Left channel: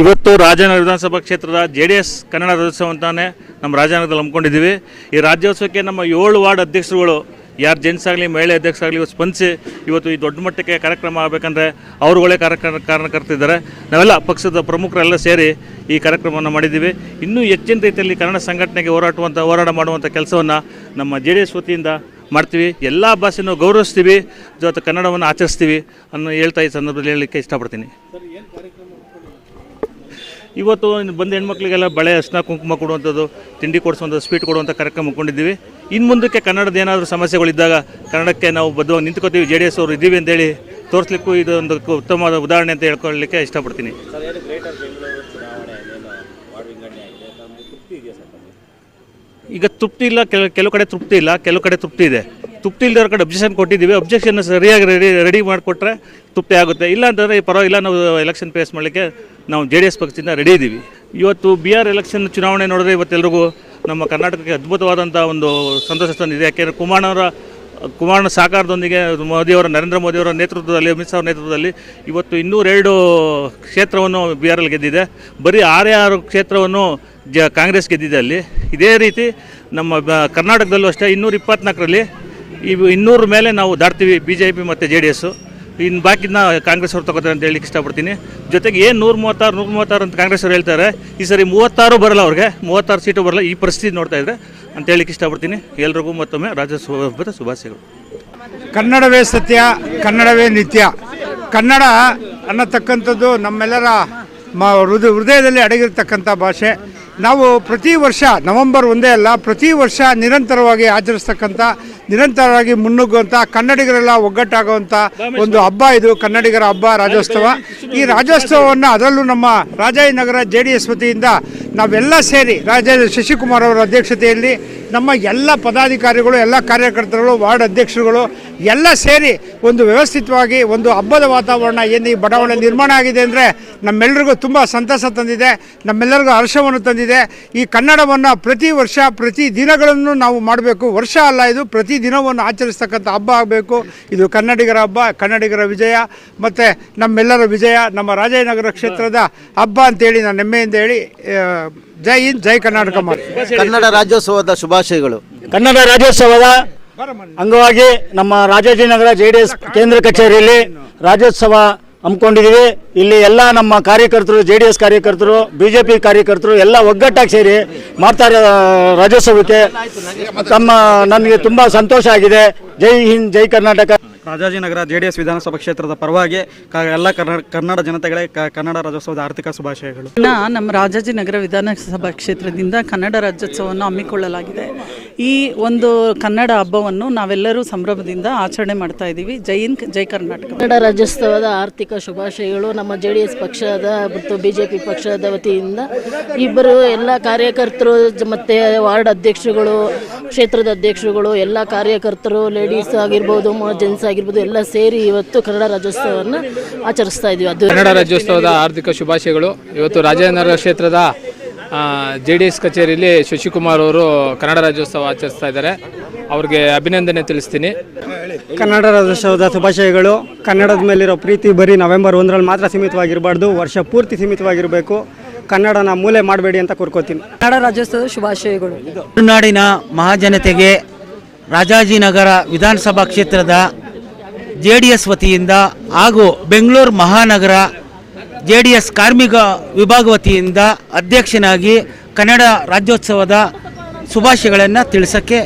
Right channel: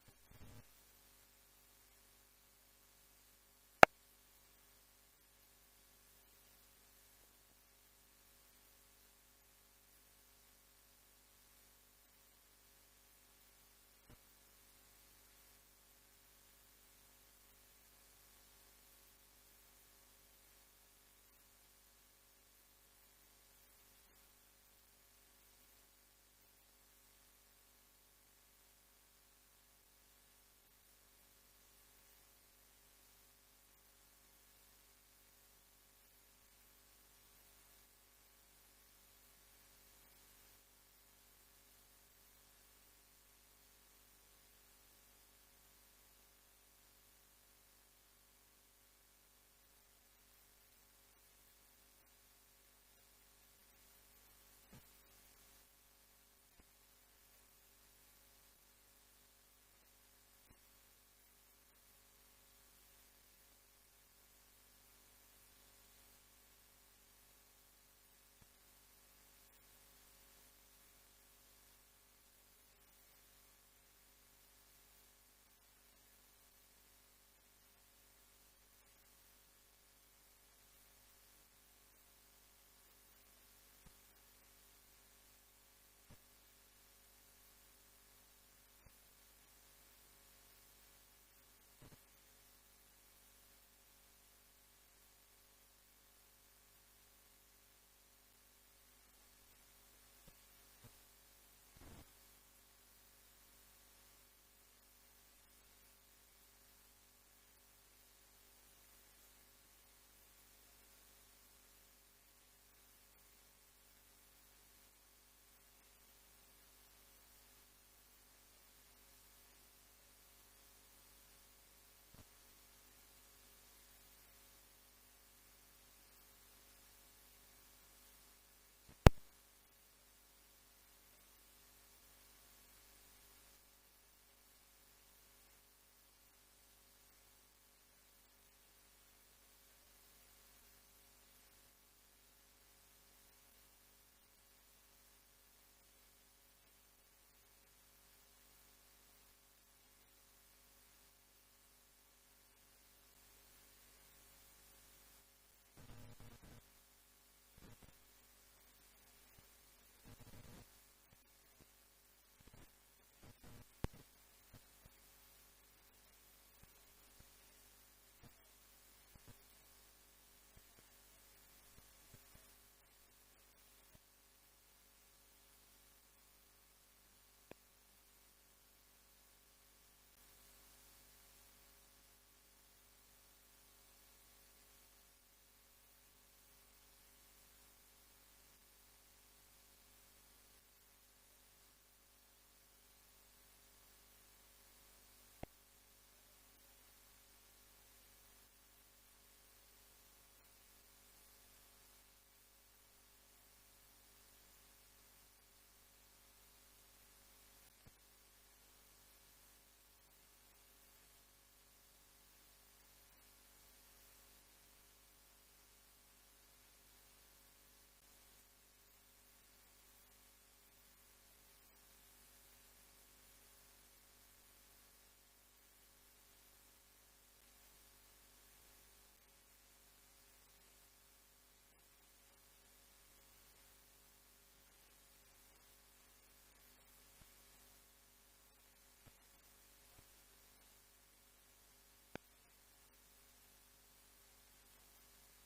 ಇವತ್ತು ರಾಜನಗರ ವಿಧಾನಸಭಾ ಕ್ಷೇತ್ರದ J D S Kannada Rajyotsava ಅಂತಾನೆ ನಮ್ಮ ರಾಜನಗರದಲ್ಲಿ ಹಮ್ಮಿಕೊಂಡಿದ್ದೀವಿ. ಈ ರಾಜ್ಯೋತ್ಸವಕ್ಕೆ ನಮ್ಮ ಏಳು ವಾರ್ಡ್ ಅಧ್ಯಕ್ಷರುಗಳು ಯಾರು ಜೆಂಟ್ಸ್ ಆಗಲಿ, ಮಹಿಳೆ ಅಧ್ಯಕ್ಷರಾಗಲಿ ಇವತ್ತು ಸ್ಪಂದಿಸಿ ಇವತ್ತು ಈ ದೊಡ್ಡ ಮಟ್ಟಕ್ಕೆ ಕಾರ್ಯಕ್ರಮ ಆಗಬೇಕಂದ್ರೆ ಅವರುಗಳೇ ಕಾರ್ಯಕ್ರಮ ಕಾರಣಕರ್ತಿದ್ದಾರೆ ನಾವೆಲ್ಲ ಪಕ್ಷದ ಪ್ರಮುಖರೆಲ್ಲ ಸೇರಿ ಈ ಕಾರ್ಯಕ್ರಮವನ್ನು ಮಾಡಿದ್ದೀವಿ. ಇನ್ನೂ ಹೆಚ್ಚಿನ ರೀತಿಯಲ್ಲಿ ಕನ್ನಡ ಸಂಘಟನೆಗೆ ಹೋರಾಟುವಂಥ ಹೋರಾಟ ಮಾಡುವಂಥ ಕೆಲಸವನ್ನು ನಮ್ಮ ಜೆ ಡಿ ಎಸ್ ವತಿಯಿಂದ ಮಾಡ್ತೀವಿ. ಎಲ್ಲ ಭಾಷೆನೂ ಗೌರವಿಸ್ತೀವಿ. ಜೊತೆ ಕನ್ನಡವನ್ನು ಆಚರಿಸ್ತೀವಿ ಅನ್ನೋ ಹೇಳ್ತಾ ಈ ಸಂದರ್ಭದಲ್ಲಿ ಹೇಳಲಿಕ್ಕೆ ಇಷ್ಟಪಡ್ತೀನಿ. ಇವತ್ತು ಬಂದ ಹೆಣ್ಮಕ್ಳಿಗೆಲ್ಲ ಬಳೆ ಅರ್ಶಿನ ಕುಂಕುಮ ಕೊಡುವಂಥದ್ದು ತಿಂಡಿ ಕೊಡಿಸುವಂಥ ಸ್ವೀಟ್ ಕೊಡುವಂಥ ಕಾರ್ಯಕ್ರಮ ಕೊಂಡಿದ್ದೀವಿ ಇನ್ನು ಮುಂದಕ್ಕೆ ಕನ್ನಡದ ಏನಾದರೂ ಸಮಸ್ಯೆಗಳಿದ್ದಾಗ ಕನ್ನಡಕ್ಕೆ ನಾವು ಬದ್ಧವಾಗಿ ನಿಂತ್ಕೋತೀವಿ. ಜೆ ಡಿ ಎಸ್ ಅವರು ಇದ್ದೀವಿ ಅಂತೇಳಿ ತೋರಿಸ್ಲಿಕ್ಕೂ ಇದು ಒಂದು ಉತ್ತಮವಾದ ಉದಾಹರಣೆ ಅಂತ ಹೇಳ್ಕೊಳ್ಳಿಕ್ಕೆ ಇಷ್ಟಪಡ್ತೀನಿ. ಈಗ ತೃಪ್ತಿ ಇಲ್ಲ ಕೆಲವು ಕೆಲವು ಕಡೆ ತೃಪ್ತಿ ಇಲ್ಲ ಕೆಲವು ಕಡೆ ತೃಪ್ತಿ ಇದೆ. ತೃಪ್ತಿ ಇಲ್ಲದವ್ರ ಕಡೆ ಅಬ್ಜೆಕ್ಷನ್ ಕೊಟ್ಟಿದ್ದೀವಿ. ಅಬ್ಜೆಕ್ಷನ್ ಸರಿಯಾಗಿ ರೆಡಿ ರೆಡಿ ಮಾಡಿಕೊಟ್ರೆ ತೃಪ್ತಿ ಆಗುತ್ತೆ. ಇಲ್ಲ ಅಂತಂದರೆ ಪರವಾಗಿಲ್ಲ ನಾವು ಎಲೆಕ್ಷನ್ ಫೇಸ್ ಮಾಡಲಿಕ್ಕೆ ನಾವು ಜೆ ಡಿ ಎಸ್ ಪಕ್ಷದಿಂದ ರೆಡಿ ಇದ್ದೀವಿ ಇವತ್ತು ಬಿ ಆರ್ ಎಲೆಕ್ಷನ್ ಚುನಾವಣೆ ನೋಡಿದ್ರೆ ಇವತ್ತೆಲ್ಲರಿಗೂ ನಮ್ಮ ಕರ್ನಾಟಕಕ್ಕೆ ಅದ್ಭುತವಾದಂಥ ಒಂದು ಸಂತೋಷ ತಂದಿದೆ. ಯಾಕೆಂದರೆ ಕುಮಾರನವರ ಕುಮಾರನ ಸಹಕಾರದೊಂದಿಗೆ ಮೋದಿಯವರ ನರೇಂದ್ರ ಮೋದಿಯವರ ನೇತೃತ್ವದಲ್ಲಿ, ಅಮಿತ್ ಶಾ ನೇತೃತ್ವದಲ್ಲಿ ಇವತ್ತು ಇನ್ನೂರೆರಡು ಕ್ಷೇತ್ರವನ್ನು ಬಿ ಆರ್ ಎಲ್ ಗೆದ್ದಿದೆ. ಬರೀ ಆರೇ ಆರು ಕ್ಷೇತ್ರವನ್ನು ಜ, ಕಾಂಗ್ರೆಸ್ ಗೆದ್ದಿದೆ ಅಲ್ಲಿ. ಇದೇ ರೀತಿ ನಮ್ಮ ಕರ್ನಾಟಕದಲ್ಲೂ ಅಷ್ಟೇ ಇನ್ನೂರ ಇಪ್ಪತ್ನಾಲ್ಕರಲ್ಲಿ ಇವು ಇನ್ನೂರ ಮೇಲೆ ನಾವು ದಾಟ್ತೀವಿ. ಬಿ ಜೆ ಪಿ ಮತ್ತು ಜೆ ಡಿ ಎಸ್ಸು ಇನ್ನು ಬಾಕಿನ ಕಾಂಗ್ರೆಸ್ ಅವ್ರು ತಗೋತಾರೆ ಅಂತ ಹೇಳಿಕ್ಕೆ ಇಷ್ಟಪಡ್ತೀನಿ. ಜೊತೆಗೆ ಏನು ನೂರ ಮೂವತ್ತಾರು ನೂರ ಮೂವತ್ತಾರು ಅಂತ ಕಾಂಗ್ರೆಸ್ ಅವ್ರು ಹೇಳ್ತಾರೆ, ಈ ಸರಿ ಮೂವತ್ತಾರು ಬರಲ್ಲ ಅವ್ರಿಗೆ, ಮೂವತ್ತಾರು ಸೀಟು ಬರಲ್ಲ, ಈ ಪರಿಸ್ಥಿತಿ ನೋಡ್ತಾ ಇದ್ರೆ ಅಂತ ಹೇಳಿಕ್ಕೆ ಇಷ್ಟಪಡ್ತೀನಿ. ಎಲ್ರಿಗೂ ಮತ್ತೊಮ್ಮೆ ರಾಜ್ಯೋತ್ಸವದ ಶುಭಾಶಯಗಳು. ಕನ್ನಡವೇ ಸತ್ಯ, ಕನ್ನಡವೇ ನಿತ್ಯ. ಕನ್ನಡ ಅನ್ನತಕ್ಕಂಥದ್ದು ನಮ್ಮೆಲ್ಲರ ಹೃದಯ ಹೃದಯದಲ್ಲಿ ಅಡಗಿರ್ತಕ್ಕಂಥ ಭಾಷೆ. ನಾವು ಪ್ರತಿ ವರ್ಷ ನವೆಂಬರ್ ಒಂದೇ ಅಲ್ಲ, ಪ್ರತಿ ವರ್ಷ ನಿರಂತರವಾಗಿ ಆಚರಿಸ್ತಕ್ಕಂಥ ನಿರಂತರವಾಗಿ ಮುನ್ನುಗ್ಗುವಂಥ ಕನ್ನಡಿಗರೆಲ್ಲ ಒಗ್ಗಟ್ಟಾಗುವಂಥ ಒಂದು ಹಬ್ಬ ಇದು ಕನ್ನಡಿಗರ ಹಬ್ಬ ರಾಜ್ಯೋತ್ಸವ. ಈ ರಾಜ್ಯೋತ್ಸವವನ್ನು ಅದರಲ್ಲೂ ನಮ್ಮ ರಾಜಾಜಿನಗರ ಜೆ ಡಿ ಎಸ್ ವತಿಯಿಂದ ನಾವೆಲ್ಲ ಸೇರಿ ರಾಜ ಶಶಿಕುಮಾರ್ ಅವರ ಅಧ್ಯಕ್ಷತೆಯಲ್ಲಿ ನಮ್ಮ ಎಲ್ಲ ಪದಾಧಿಕಾರಿಗಳು ಎಲ್ಲ ಕಾರ್ಯಕರ್ತರುಗಳು ವಾರ್ಡ್ ಅಧ್ಯಕ್ಷರುಗಳು ಎಲ್ಲ ಸೇರಿ ಒಂದು ವ್ಯವಸ್ಥಿತವಾಗಿ ಒಂದು ಹಬ್ಬದ ವಾತಾವರಣ ಏನು ಈ ಬಡಾವಣೆ ನಿರ್ಮಾಣ ಆಗಿದೆ ಅಂದರೆ ನಮ್ಮೆಲ್ಲರಿಗೂ ತುಂಬ ಸಂತಸ ತಂದಿದೆ ನಮ್ಮೆಲ್ಲರಿಗೂ ಹರ್ಷವನ್ನು ತಂದಿದೆ. ಈ ಕನ್ನಡವನ್ನು ಪ್ರತಿ ವರ್ಷ ಪ್ರತಿ ದಿನಗಳನ್ನು ನಾವು ಮಾಡಬೇಕು. ವರ್ಷ ಅಲ್ಲ ಇದು ಪ್ರತಿ ದಿನವನ್ನು ಆಚರಿಸ್ತಕ್ಕಂಥ ಹಬ್ಬ ಆಗಬೇಕು. ಇದು ಕನ್ನಡಿಗರ ಹಬ್ಬ ಕನ್ನಡಿಗರ ವಿಜಯ ಮತ್ತು ನಮ್ಮೆಲ್ಲರ ವಿಜಯ ನಮ್ಮ ರಾಜಾಜಿನಗರ ಕ್ಷೇತ್ರದ ಹಬ್ಬ ಅಂತೇಳಿ ನಾನು ಹೆಮ್ಮೆಯಿಂದ ಹೇಳಿ ಜೈ ಹಿಂದ್ ಜೈ ಕರ್ನಾಟಕ ಕನ್ನಡ ರಾಜ್ಯೋತ್ಸವದ ಶುಭಾಶಯಗಳು. ಕನ್ನಡ ರಾಜ್ಯೋತ್ಸವದ ಅಂಗವಾಗಿ ನಮ್ಮ ರಾಜಾಜಿನಗರ ಜೆ ಡಿ ಎಸ್ ಕೇಂದ್ರ ಕಚೇರಿಯಲ್ಲಿ ರಾಜ್ಯೋತ್ಸವ ಹಮ್ಮಿಕೊಂಡಿದ್ದೀವಿ. ಇಲ್ಲಿ ಎಲ್ಲ ನಮ್ಮ ಕಾರ್ಯಕರ್ತರು, ಜೆ ಡಿ ಎಸ್ ಕಾರ್ಯಕರ್ತರು, ಬಿ ಜೆ ಪಿ ಕಾರ್ಯಕರ್ತರು ಎಲ್ಲ ಒಗ್ಗಟ್ಟಾಗಿ ಸೇರಿ ಮಾಡ್ತಾರೆ ಇರೋ ರಾಜ್ಯೋತ್ಸವಕ್ಕೆ ತಮ್ಮ, ನನಗೆ ತುಂಬ ಸಂತೋಷ ಆಗಿದೆ. ಜೈ ಹಿಂದ್, ಜೈ Karnataka. Rajajinagar J D S ವಿಧಾನಸಭಾ ಕ್ಷೇತ್ರದ ಪರವಾಗಿ ಕ- ಎಲ್ಲ ಕರ್ನಾಟ ಕನ್ನಡ ಜನತೆಗಳೇ ಕ- ಕನ್ನಡ ರಾಜ್ಯೋತ್ಸವದ ಆರ್ಥಿಕ ಶುಭಾಶಯಗಳು. ಇನ್ನು ನಮ್ಮ ರಾಜಾಜಿನಗರ ವಿಧಾನಸಭಾ ಕ್ಷೇತ್ರದಿಂದ ಕನ್ನಡ ರಾಜ್ಯೋತ್ಸವವನ್ನು ಹಮ್ಮಿಕೊಳ್ಳಲಾಗಿದೆ. ಈ ಒಂದು ಕನ್ನಡ ಹಬ್ಬವನ್ನು ನಾವೆಲ್ಲರೂ ಸಂಭ್ರಮದಿಂದ ಆಚರಣೆ ಮಾಡ್ತಾ ಇದ್ದೀವಿ. ಜೈ ಹಿಂದ್ ಜೈ ಕರ್ನಾಟಕ. ಕನ್ನಡ ರಾಜ್ಯೋತ್ಸವದ ಆರ್ಥಿಕ ಶುಭಾಶಯಗಳು ನಮ್ಮ ಜೆ ಡಿ ಎಸ್ ಪಕ್ಷದ ಮತ್ತು ಬಿ ಜೆ ಪಿ ಪಕ್ಷದ ವತಿಯಿಂದ ಇಬ್ಬರು ಎಲ್ಲ ಕಾರ್ಯಕರ್ತರು ಜ- ಮತ್ತೆ ವಾರ್ಡ್ ಅಧ್ಯಕ್ಷರುಗಳು ಕ್ಷೇತ್ರದ ಅಧ್ಯಕ್ಷರುಗಳು ಎಲ್ಲ ಕಾರ್ಯಕರ್ತರು ಲೇಡೀಸ್ ಆಗಿರ್ಬೋದು ಜೆಂಟ್ಸ್ ಆಗಿರ್ಬೋದು ಎಲ್ಲ ಸೇರಿ ಇವತ್ತು ಕನ್ನಡ ರಾಜ್ಯೋತ್ಸವವನ್ನು ಆಚರಿಸ್ತಾ ಇದೀವಿ. ಅದು ಕನ್ನಡ ರಾಜ್ಯೋತ್ಸವದ ಆರ್ಥಿಕ ಶುಭಾಶಯಗಳು. ಇವತ್ತು ರಾಜೇಂದ್ರ ಕ್ಷೇತ್ರದ ಜೆ ಡಿ ಎಸ್ ಕಚೇರಿಯಲ್ಲಿ ಶಶಿಕುಮಾರ್ ಅವರು ಕನ್ನಡ ರಾಜ್ಯೋತ್ಸವ ಆಚರಿಸ್ತಾ ಇದ್ದಾರೆ. ಅವ್ರಿಗೆ ಅಭಿನಂದನೆ ತಿಳಿಸ್ತೀನಿ. ಕನ್ನಡ ರಾಜ್ಯೋತ್ಸವದ ಶುಭಾಶಯಗಳು. ಕನ್ನಡದ ಮೇಲಿರೋ ಪ್ರೀತಿ ಬರೀ ನವೆಂಬರ್ ಒಂದರಲ್ಲಿ ಮಾತ್ರ ಸೀಮಿತವಾಗಿರಬಾರ್ದು. ವರ್ಷ ಪೂರ್ತಿ ಸೀಮಿತವಾಗಿರಬೇಕು. ಕನ್ನಡನ ಮೂಲೆ ಮಾಡಬೇಡಿ ಅಂತ ಕೋರ್ಕೋತೀನಿ. ಕನ್ನಡ ರಾಜ್ಯೋತ್ಸವದ ಶುಭಾಶಯಗಳು. ತುಳುನಾಡಿನ ಮಹಾಜನತೆಗೆ ರಾಜಾಜಿನಗರ ವಿಧಾನಸಭಾ ಕ್ಷೇತ್ರದ ಜೆ ಡಿ ಎಸ್ ವತಿಯಿಂದ ಹಾಗೂ ಬೆಂಗಳೂರು ಮಹಾನಗರ ಜೆ ಡಿ ಎಸ್ ಕಾರ್ಮಿಕ ವಿಭಾಗ ವತಿಯಿಂದ ಅಧ್ಯಕ್ಷನಾಗಿ ಕನ್ನಡ ರಾಜ್ಯೋತ್ಸವದ ಶುಭಾಶಯಗಳನ್ನು ತಿಳಿಸೋಕ್ಕೆ